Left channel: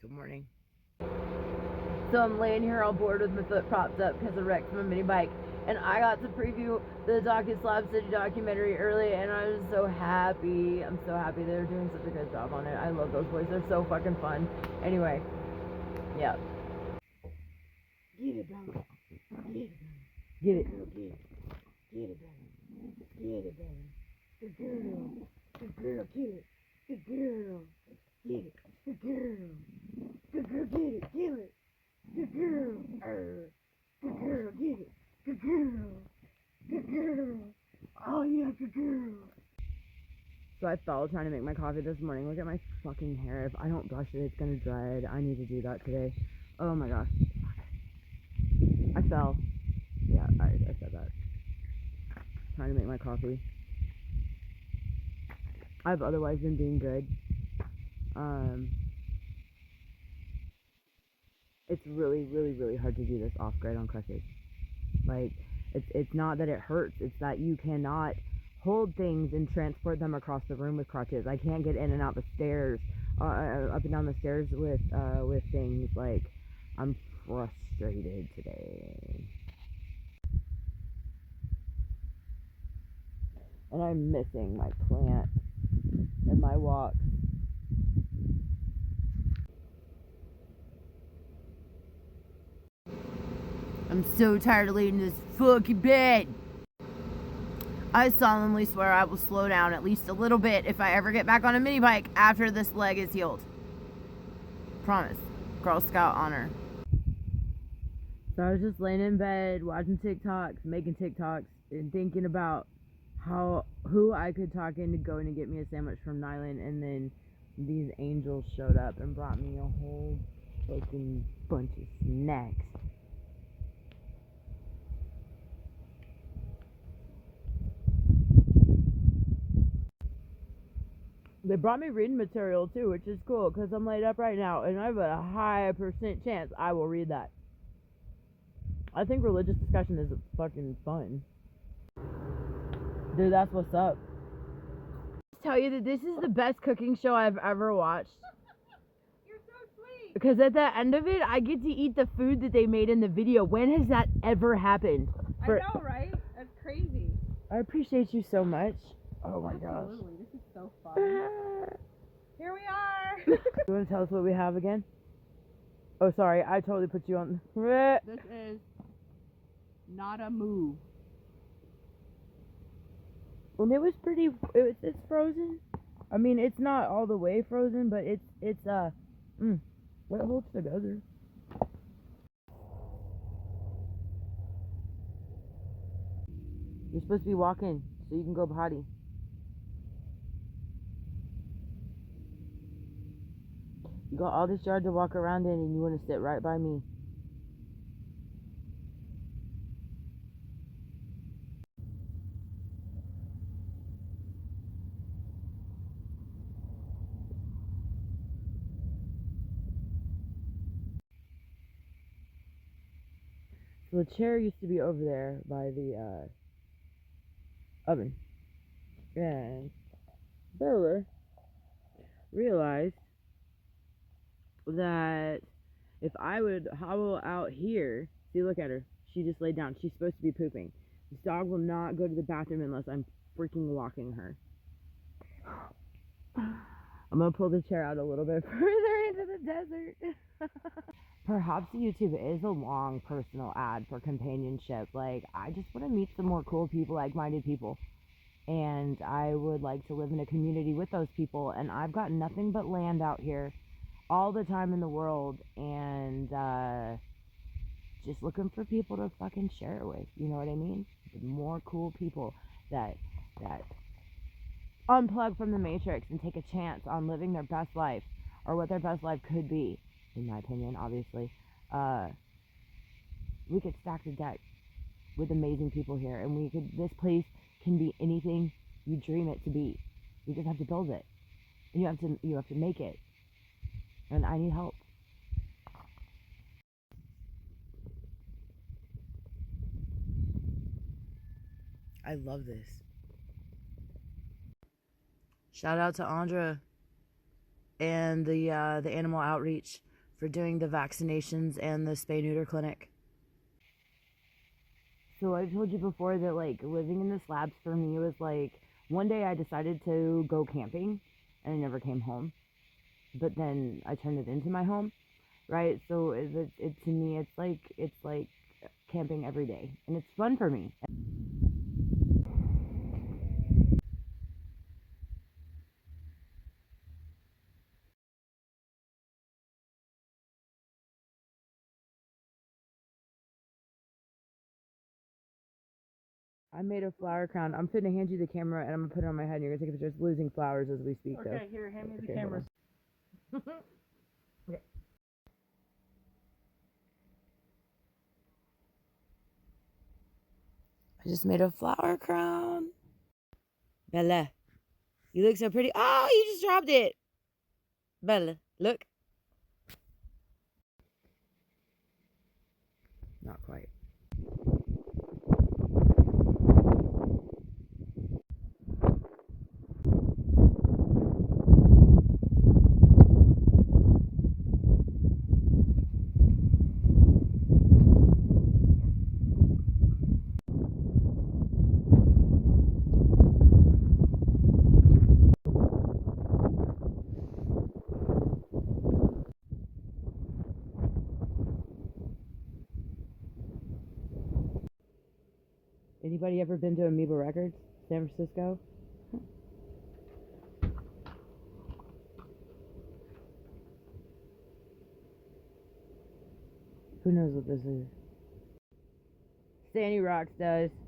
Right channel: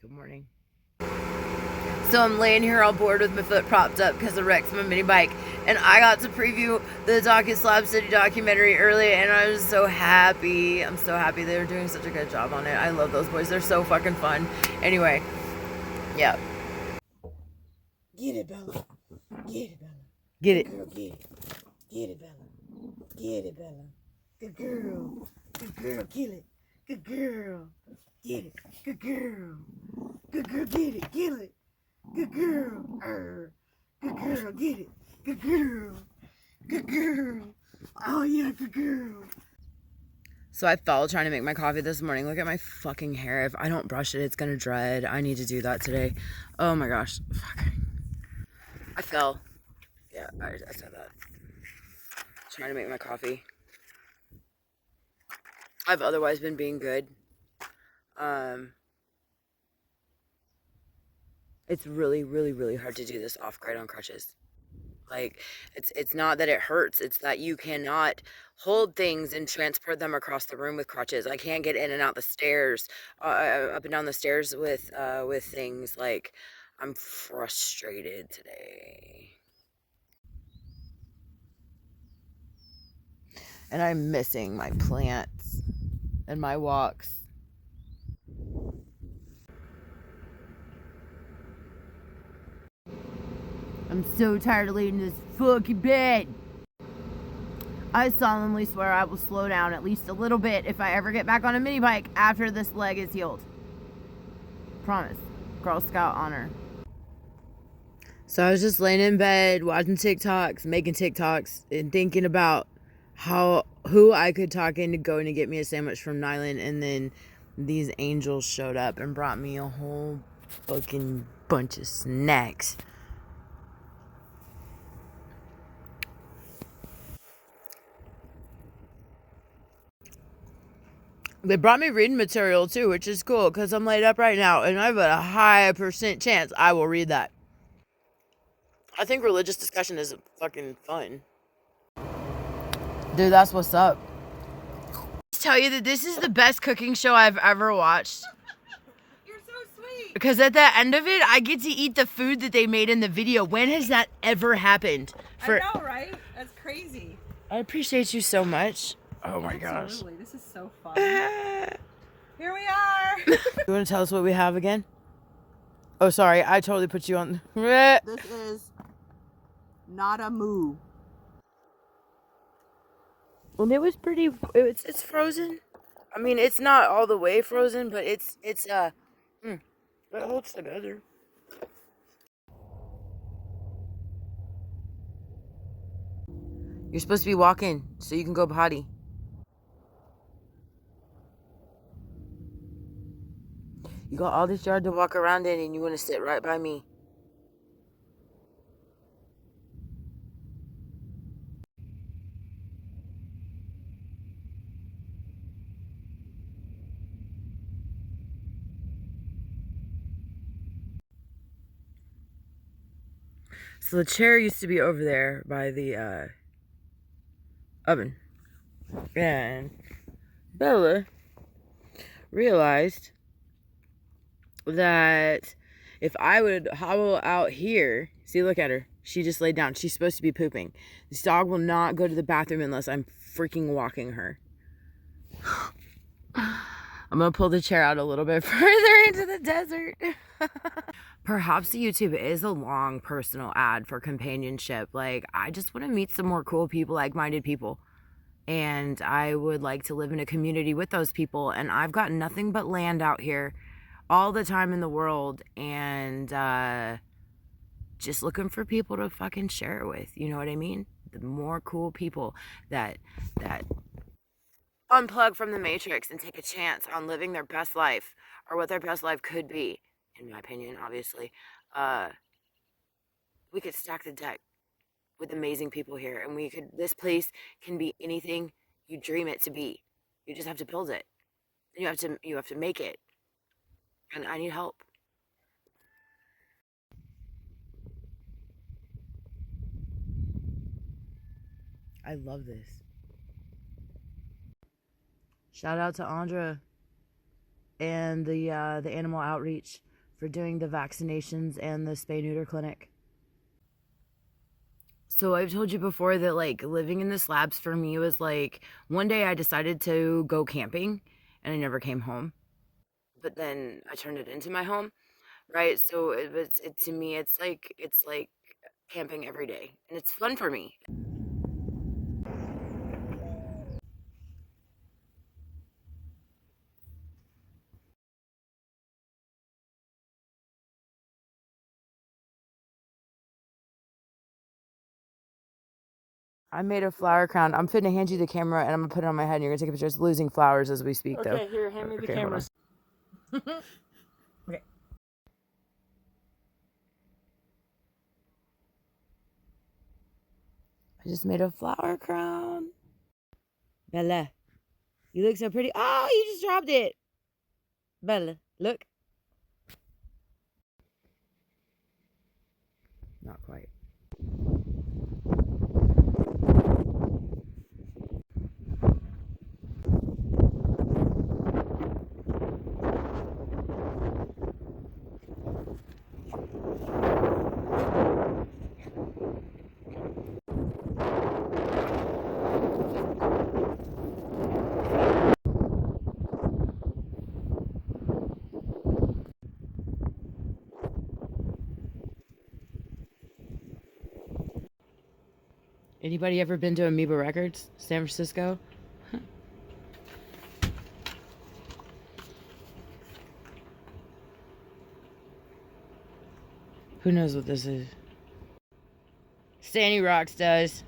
Good morning. So I'm laying here all bored with my foot propped up because I wrecked my mini bike. And I got to preview the Slab City documentary early, and I was so happy. I'm so happy they were doing such a good job on it. I love those boys. They're so fucking fun. Anyway, yeah. Get it, Bella. Get it, Bella. Get it. Girl, get it. Get it, Bella. Get it, Bella. Good girl. Good girl, kill it. Good girl. Get it. Good girl. Good girl, get it. Kill it. Good girl. Good girl, get it. Good girl. Good girl. Oh yeah, good girl. So I fell trying to make my coffee this morning. Look at my fucking hair. If I don't brush it, it's gonna dread. I need to do that today. Oh my gosh. Fuck. I fell. Yeah, I said that. Trying to make my coffee. I've otherwise been being good. It's really, really, really hard to do this off-grid on crutches. Like, it's not that it hurts, it's that you cannot hold things and transport them across the room with crutches. I can't get in and out the stairs, up and down the stairs with things. Like, I'm frustrated today. And I'm missing my plants and my walks. I'm so tired of laying in this fucking bed. I solemnly swear I will slow down at least a little bit if I ever get back on a mini bike after this leg is healed. Promise. Girl Scout honor. So I was just laying in bed watching TikToks, making TikToks, and thinking about who I could talk into going to get me a sandwich from Nyland, and then these angels showed up and brought me a whole fucking bunch of snacks. They brought me reading material too, which is cool because I'm laid up right now and I have a high % chance I will read that. I think religious discussion is fucking fun. Dude, that's what's up. I'll tell you that this is the best cooking show I've ever watched. You're so sweet. Because at the end of it, I get to eat the food that they made in the video. When has that ever happened? I know, right? That's crazy. I appreciate you so much. Oh my gosh. Absolutely. This is so fun. Here we are. You want to tell us what we have again? Oh, sorry. I totally put you on. This is not a moo. Well, it was pretty. It's frozen. I mean, it's not all the way frozen, but it holds together. You're supposed to be walking so you can go potty. You got all this yard to walk around in, and you want to sit right by me. So the chair used to be over there by the oven. And Bella realized that if I would hobble out here, see, look at her. She just laid down. She's supposed to be pooping. This dog will not go to the bathroom unless I'm freaking walking her. I'm going to pull the chair out a little bit further into the desert. Perhaps YouTube is a long personal ad for companionship. Like, I just want to meet some more cool people, like-minded people. And I would like to live in a community with those people. And I've got nothing but land out here all the time in the world. And just looking for people to fucking share it with. You know what I mean? The more cool people that unplug from the matrix and take a chance on living their best life, or what their best life could be, in my opinion, obviously. We could stack the deck with amazing people here, and this place can be anything you dream it to be. You just have to build it, and you have to make it. And I need help. I love this. Shout out to Andra and the animal outreach. for doing the vaccinations and the spay neuter clinic. So I've told you before that like living in the slabs for me was like, one day I decided to go camping and I never came home, but then I turned it into my home, right? So to me it's like camping every day and it's fun for me. I made a flower crown. I'm fitting to hand you the camera and I'm gonna put it on my head and you're gonna take a picture. It's losing flowers as we speak though. Okay, here, hand me the camera. Okay. I just made a flower crown. Bella, you look so pretty. Oh, you just dropped it. Bella, look. Not quite. Anybody ever been to Amoeba Records, San Francisco? Who knows what this is? Sandy Rocks does.